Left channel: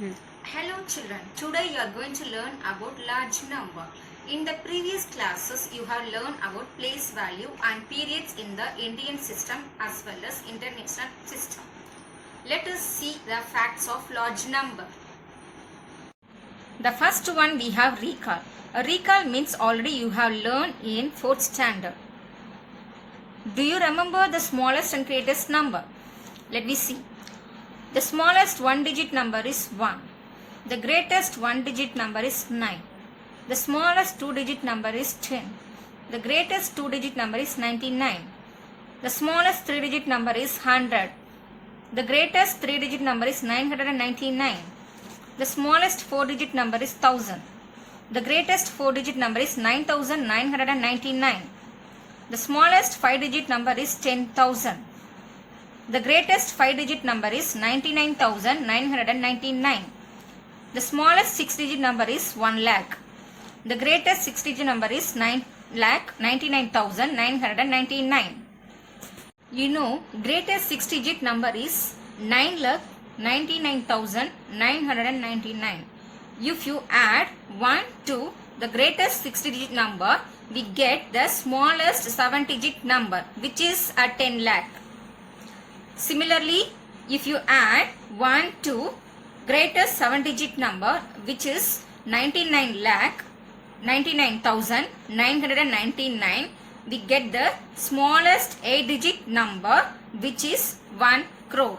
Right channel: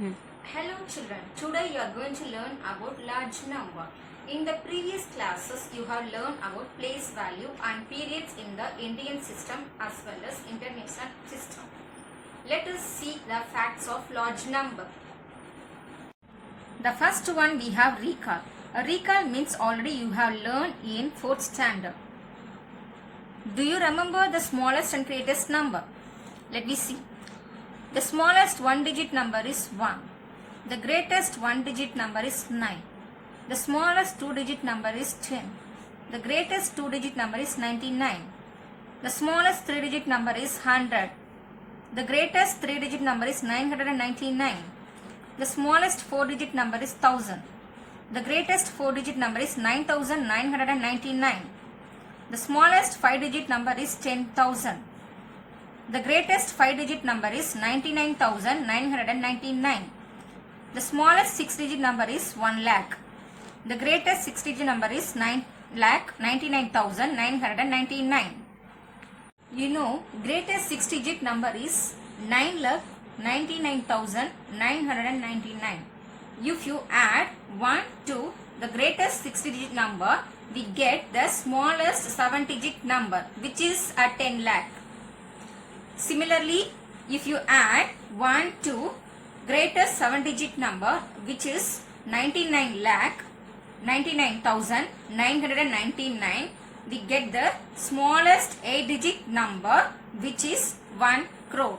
Hello children, today you are going to learn about large number. In the previous classes you have learned about place value and periods in the Indian system as well as international system. Let us see the facts of large number. The first one we have recall. A recall means already you have learned in 4th standard. Do you remember the smallest and greatest number? Let me see. The smallest one digit number is 1. The greatest one digit number is 9. The smallest two digit number is 10. The greatest two digit number is 99. The smallest three digit number is 100. The greatest three digit number is 999. The smallest four digit number is 1000. The greatest four digit number is 9999. The smallest five digit number is 10,000. The greatest five digit number is 99,999. The smallest six digit number is 1 lakh. The greatest six digit number is 9,99,999. You know, greatest six digit number is 9,99,999. If you add 1 to the greatest six digit number, we get the smallest seven digit number, which is a 10 lakh. Similarly, if you add 1 to greatest seven digit number, which is 99,999, we get the smallest 8 digit number, which is 1 crore.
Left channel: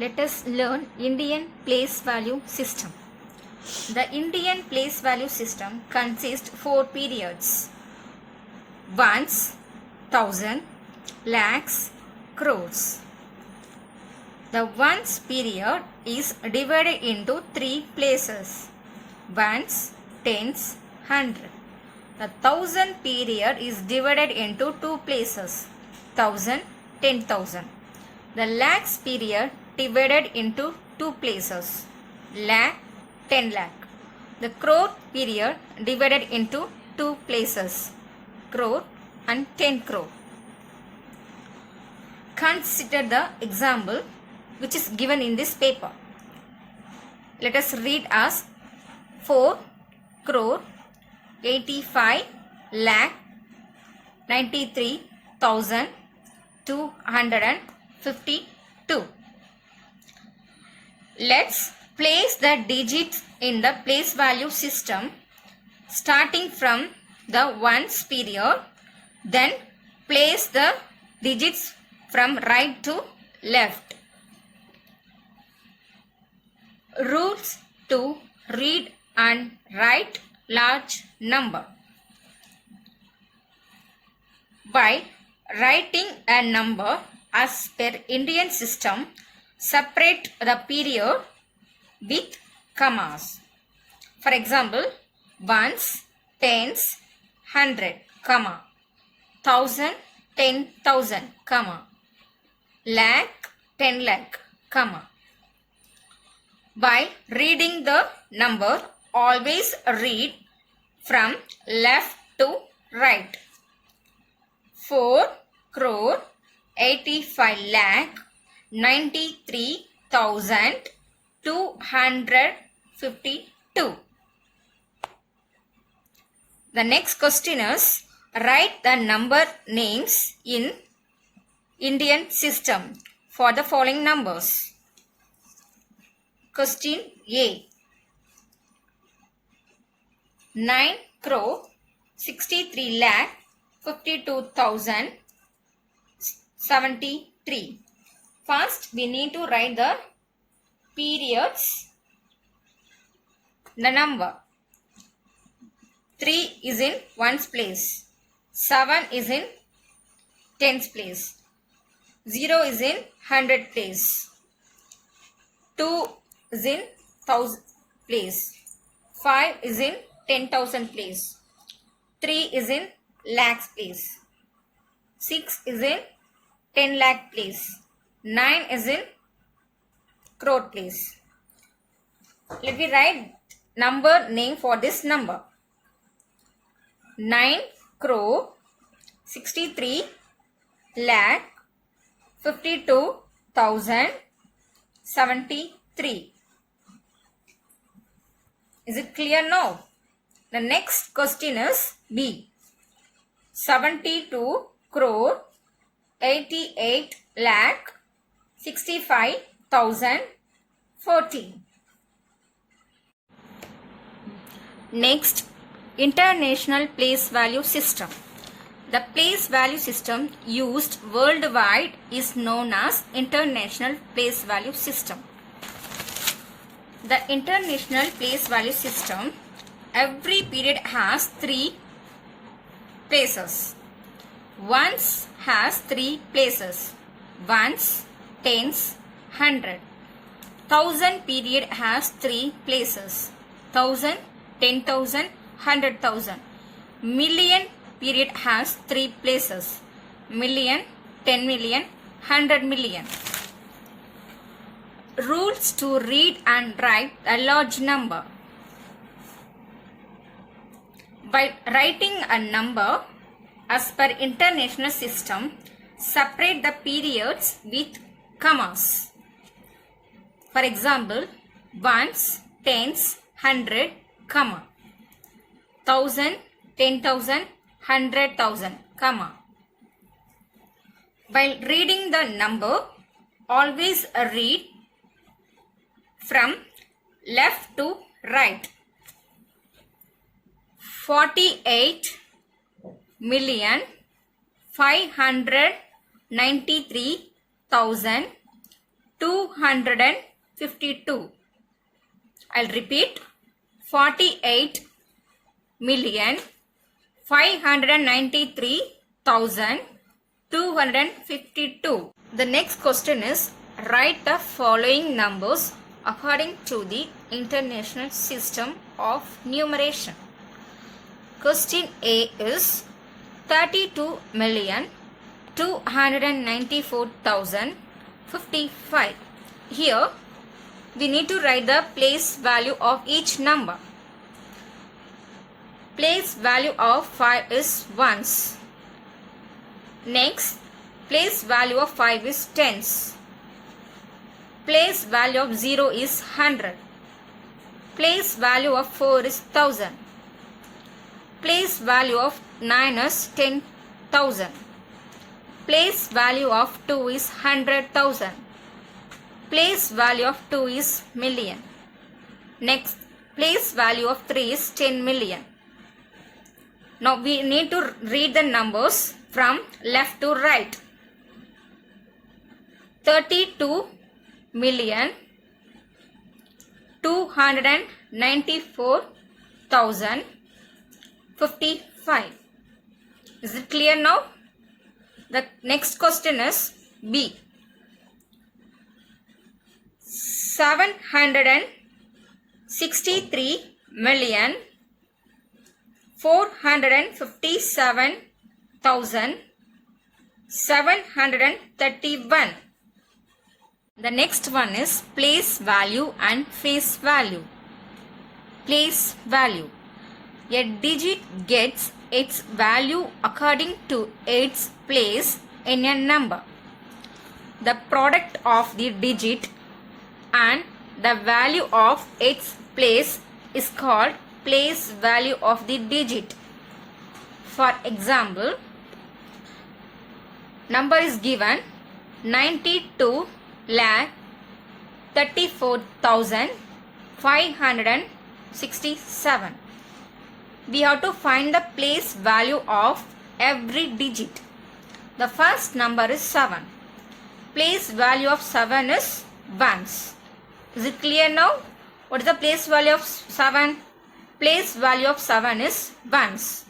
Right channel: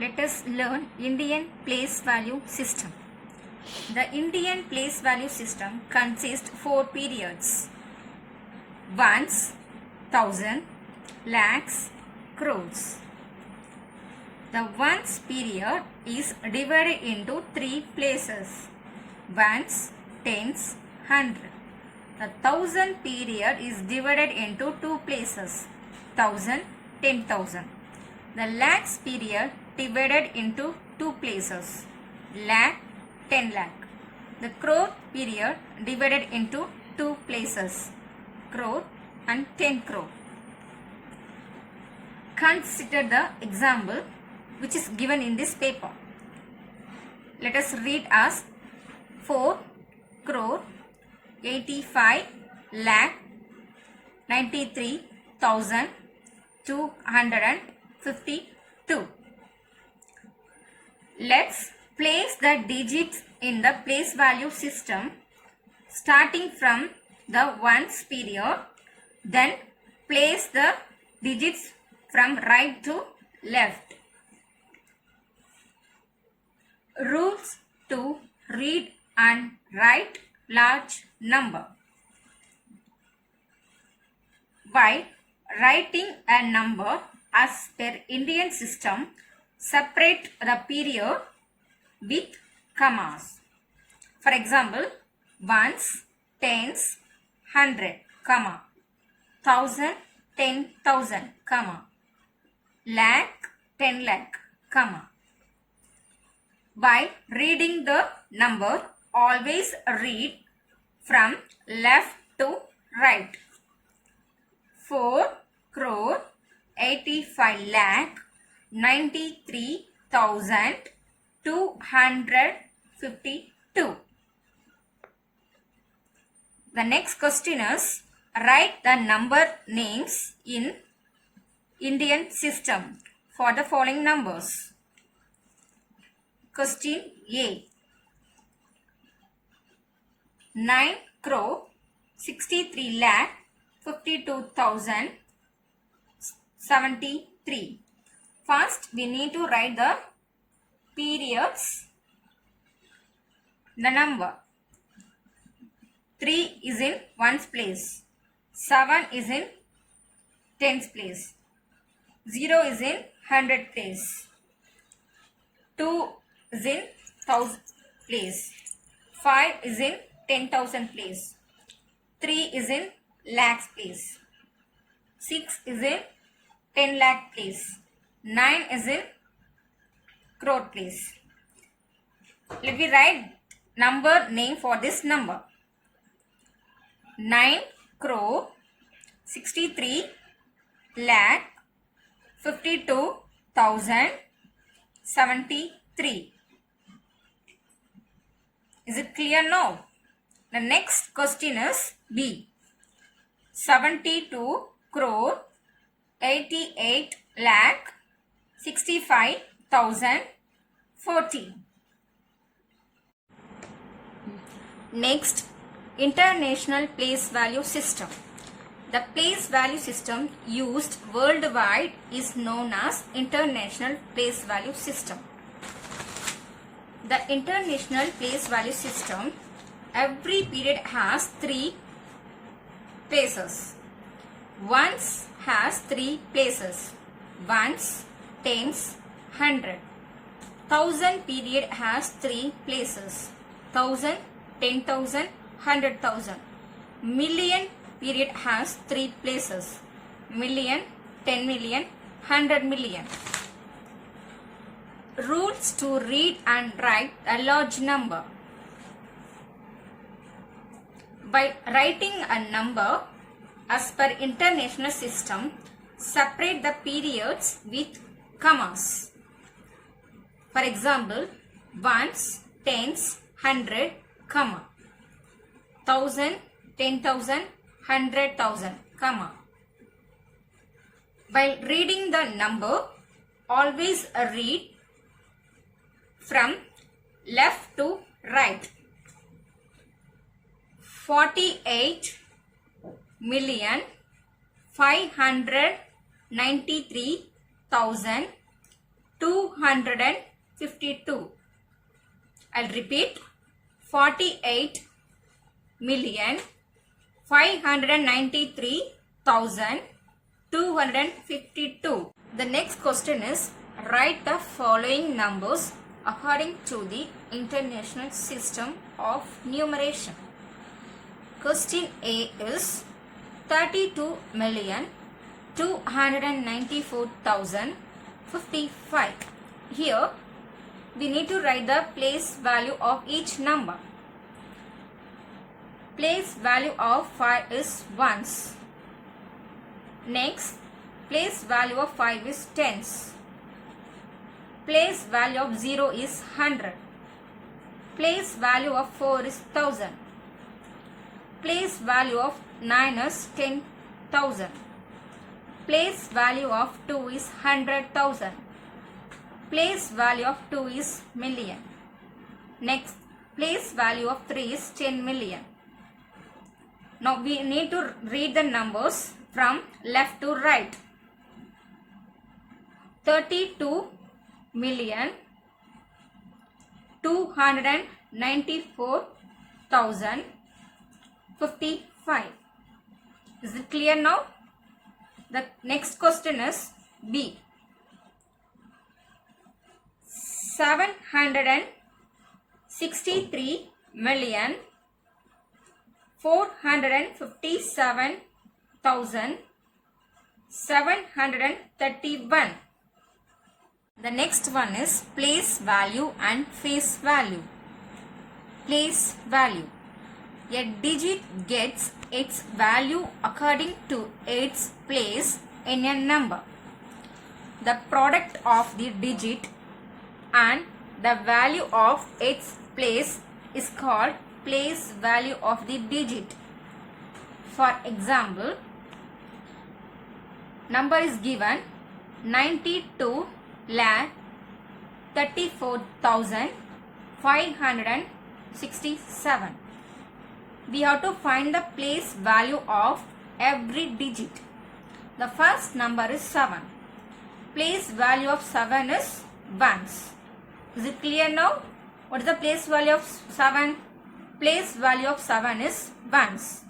Let us learn Indian place value system. The Indian place value system consists 4 periods: ones, thousand, lakhs, crores. The ones period is divided into 3 places: ones, tens, hundred. The thousand period is divided into 2 places: thousand, 10,000. The lakhs period divided into 2 places: lakh, 10 lakh. The crore period divided into 2 places: crore and 10 crore. Consider the example which is given in this paper. Let us read as 4 crore 85 lakh 93,252. Let's place the digits in the place value system starting from the ones period, then place the digits from right to left. Rules to read and write large number. By writing a number as per Indian system, separate the period with commas. For example, ones, tens, 100, comma, thousand, 10,000, comma, lakh, 10 lakh, comma. By reading the number, always read from left to right. 4 crore 85 lakh 93,252. The next question is, write the number names in Indian system for the following numbers. Question A. 9 crore 63 lakh 52,073. First, we need to write the periods, the number. 3 is in ones place. 7 is in tens place. 0 is in 100 place. 2 is in 1000 place. 5 is in 10,000 place. 3 is in lakhs place. 6 is in 10 lakh place. 9 is in crore place. Let me write number name for this number. 9 crore 63 lakh 52,000 73. Is it clear now? The next question is B. 72 crore 88 lakh 65,014. Next, International Place Value System. The place value system used worldwide is known as International Place Value System. The International Place Value System, every period has 3 places. Ones has 3 places. Ones, tens, 100. Thousand period has 3 places. 1000, 10,000, 100,000. Million period has 3 places. Million, 10 million, 100 million. Rules to read and write a large number. By writing a number as per international system, separate the periods with commas. For example, ones, tens, 100, comma. 1000, 10,000, 100,000, comma. While reading the number, always read from left to right. 48 million 593,252. I'll repeat. 48 million 593,252. The next question is, write the following numbers according to the International System of Numeration. Question A is 32,294,055. Here we need to write the place value of each number. Place value of 5 is ones. Next, place value of 5 is tens. Place value of 0 is 100. Place value of 4 is 1000. Place value of 9 is 10,000. Place value of 2 is 100,000. Place value of 2 is million. Next, place value of 3 is 10 million. Now we need to read the numbers from left to right. 32 million 294,055. Is it clear now? The next question is B. 763 million 457,731. The next one is place value and face value. Place value. A digit gets its value according to its place in a number. The product of the digit and the value of its place is called place value of the digit. For example, number is given 92 lakh 34,567. We have to find the place value of every digit. The first number is 7. Place value of 7 is ones. Is it clear now? What is the place value of 7? Place value of 7 is ones.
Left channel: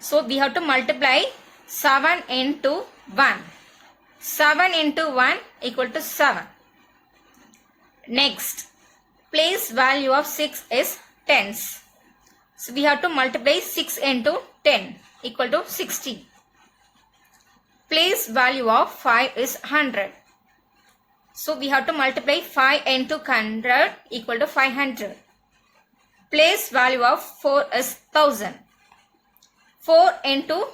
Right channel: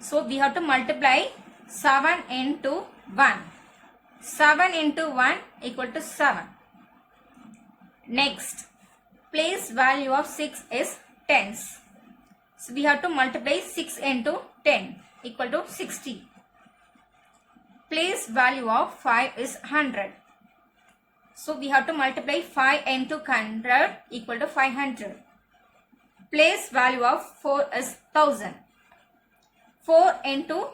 So we have to multiply 7 into 1. 7 into 1 equal to 7. Next, place value of 6 is tens. So we have to multiply 6 into 10 equal to 60. Place value of 5 is 100. So we have to multiply 5 into 100 equal to 500. Place value of 4 is 1000. 4 into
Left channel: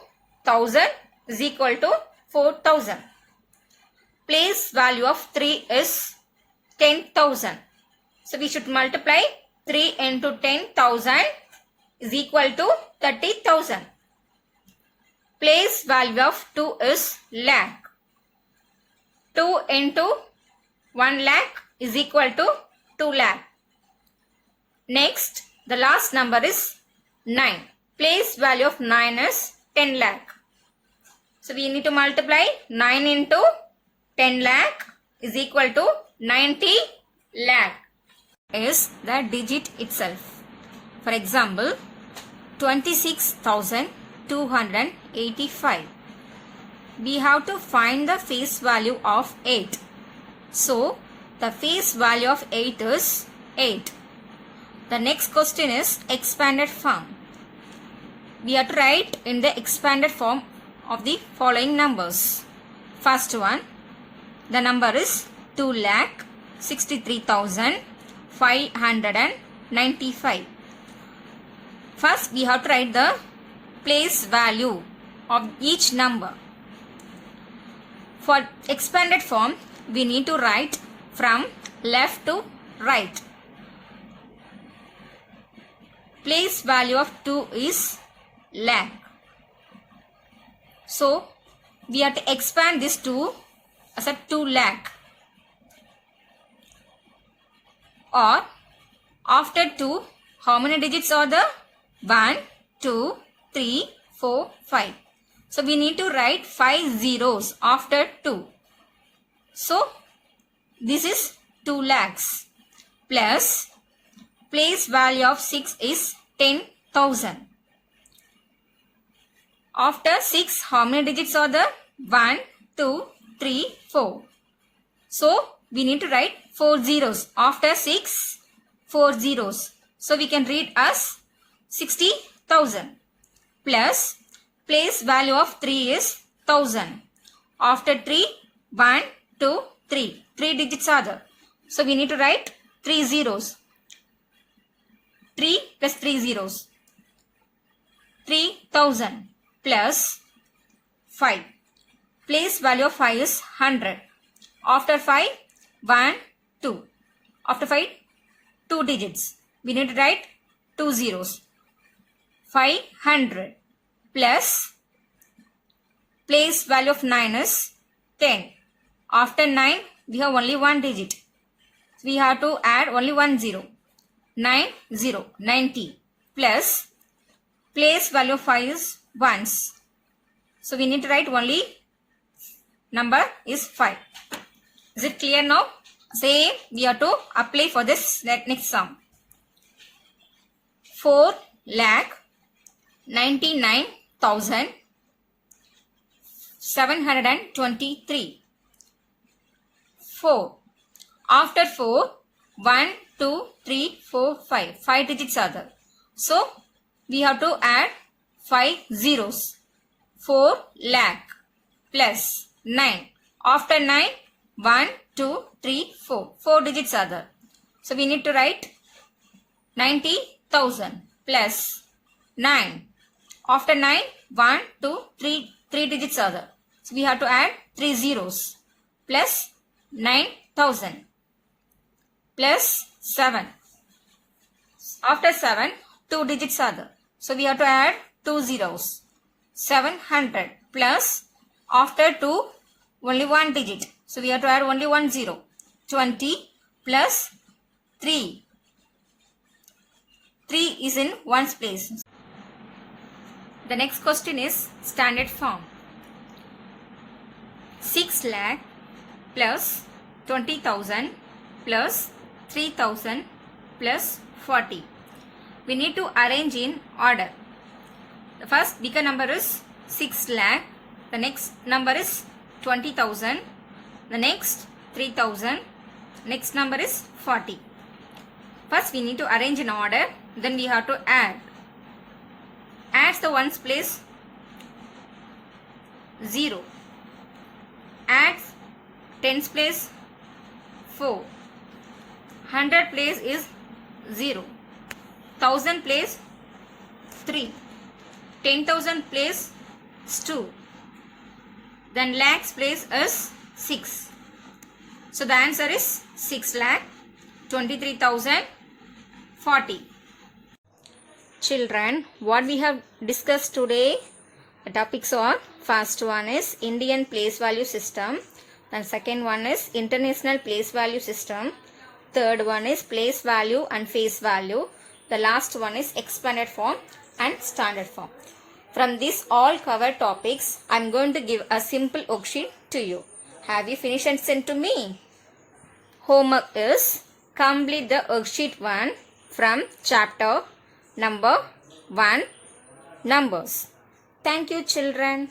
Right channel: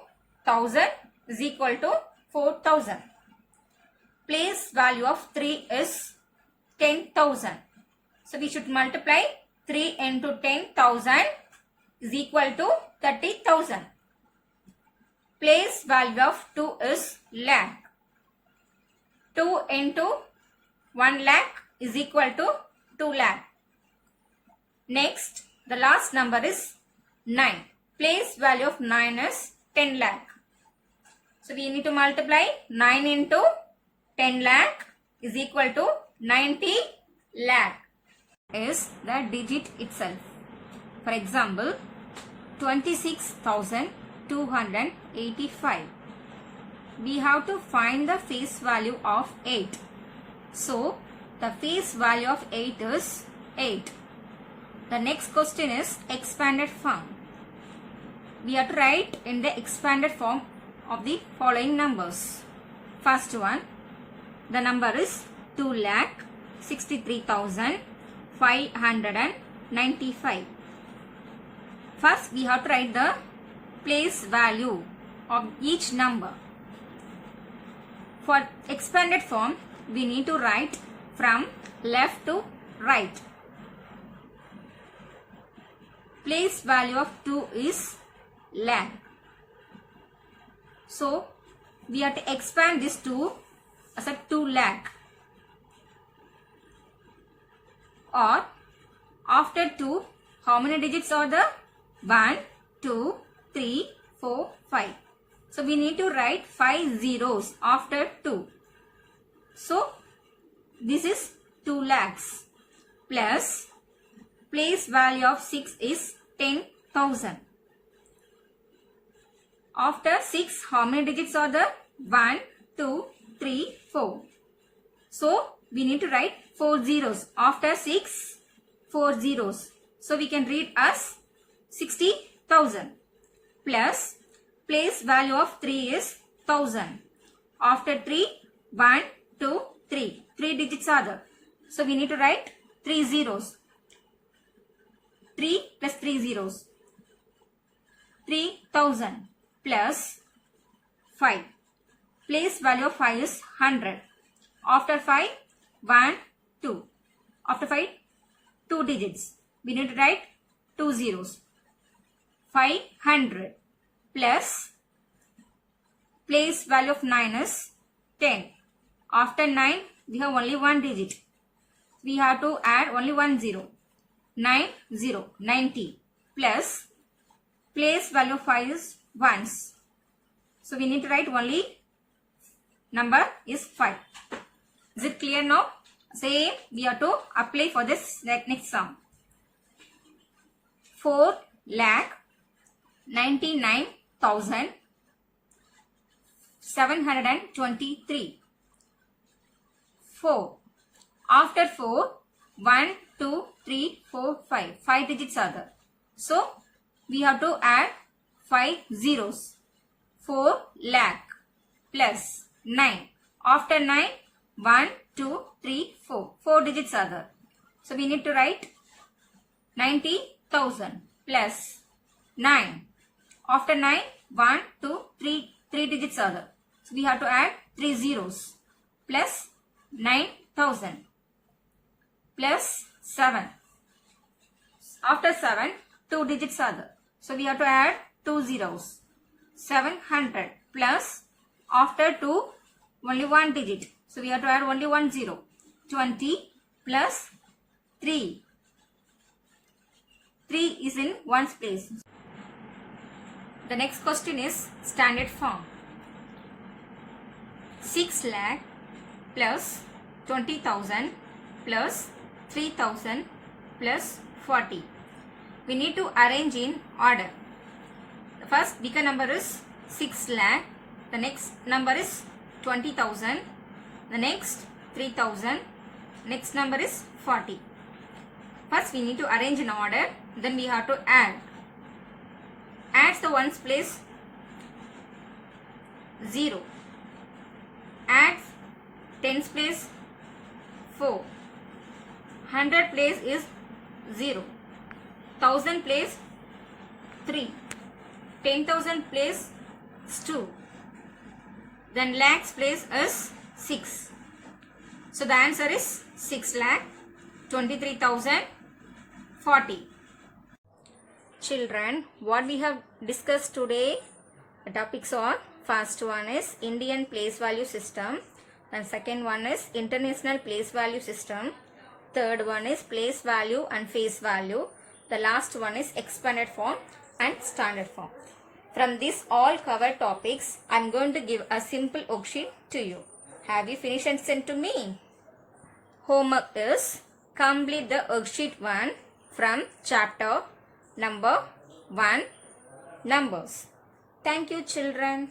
1000 is equal to 4000. place value of 3 is 10,000. So we should multiply 3 into 10,000 is equal to 30,000. Place value of 2 is lakh. 2 into 1 lakh is equal to 2 lakh. Next, the last number is 9. Place value of 9 is 10 lakh. So we need to multiply 9 into 10 lakh is equal to 90 lakh is the digit itself. For example, 26,285. We have to find the face value of 8. So, the face value of 8 is 8. The next question is expanded form. We have to write in the expanded form of the following numbers. First one, the number is 2,63,595. First, we have to write the place value of each number. For expanded form, we need to write from left to right. Place value of 2 is lakh. So, we have to expand this to as a 2 lakh. Or, after 2, how many digits are there? 1, 2, 3, 4, 5. So, we need to write 5 zeros after 2. So, this is 2 lakhs plus place value of 6 is 10,000. After 6, how many digits are there? 1, 2, 3, 4. So, we need to write 4 zeros. After 6, 4 zeros. So, we can read as 60,000 plus place value of 3 is 1000. After 3, 1, 2, 3. 3 digits are there. So, we need to write 3 zeros. 3 plus 3 zeros. 3,000 plus 5. Place value of 5 is 100. After 5, 1, 2. After 5, 2 digits. We need to write 2 zeros. 500 plus place value of 9 is 10. After 9, we have only 1 digit. We have to add only 1 zero. 90 plus place value of 5 is ones. So we need to write only number is 5. Is it clear now? Same we have to apply for this next sum. 4,99,723. 4. After 4, 1, 2, 3, 4, 5. 5 digits are there. So, we have to add 5 zeros. 4 lakh plus 9. After 9, 1, 2, 3, 4. 4 digits are there. So, we need to write 90,000 plus 9. After 9, 1, 2, 3. 3 digits are there. So, we have to add 3 zeros plus 9,000 plus 7. After 7, 2 digits are there. So, we have to add 2 zeros. 700 plus after 2, only 1 digit. So, we have to add only 1 zero. 20 plus 3. 3 is in ones place. The next question is standard form. 6 lakh plus 20,000 plus 3,000 plus 40. We need to arrange in order. The first bigger number is 6 lakh. The next number is 20,000. The next 3,000. Next number is 40. First we need to arrange in order. Then we have to add. Adds the ones place 0. Adds tens place 4. 100 place is 0. 1000 place 3. 10,000 place is 2. Then lakhs place is 6. So the answer is 6,23,040. Children, what we have discussed today, the topics are, first one is Indian place value system, and second one is international place value system, third one is place value and face value, the last one is expanded form and standard form. From these all covered topics, I am going to give a simple worksheet to you. Have you finished and sent to me? Homework is complete the worksheet 1 from chapter number 1, numbers. Thank you, children.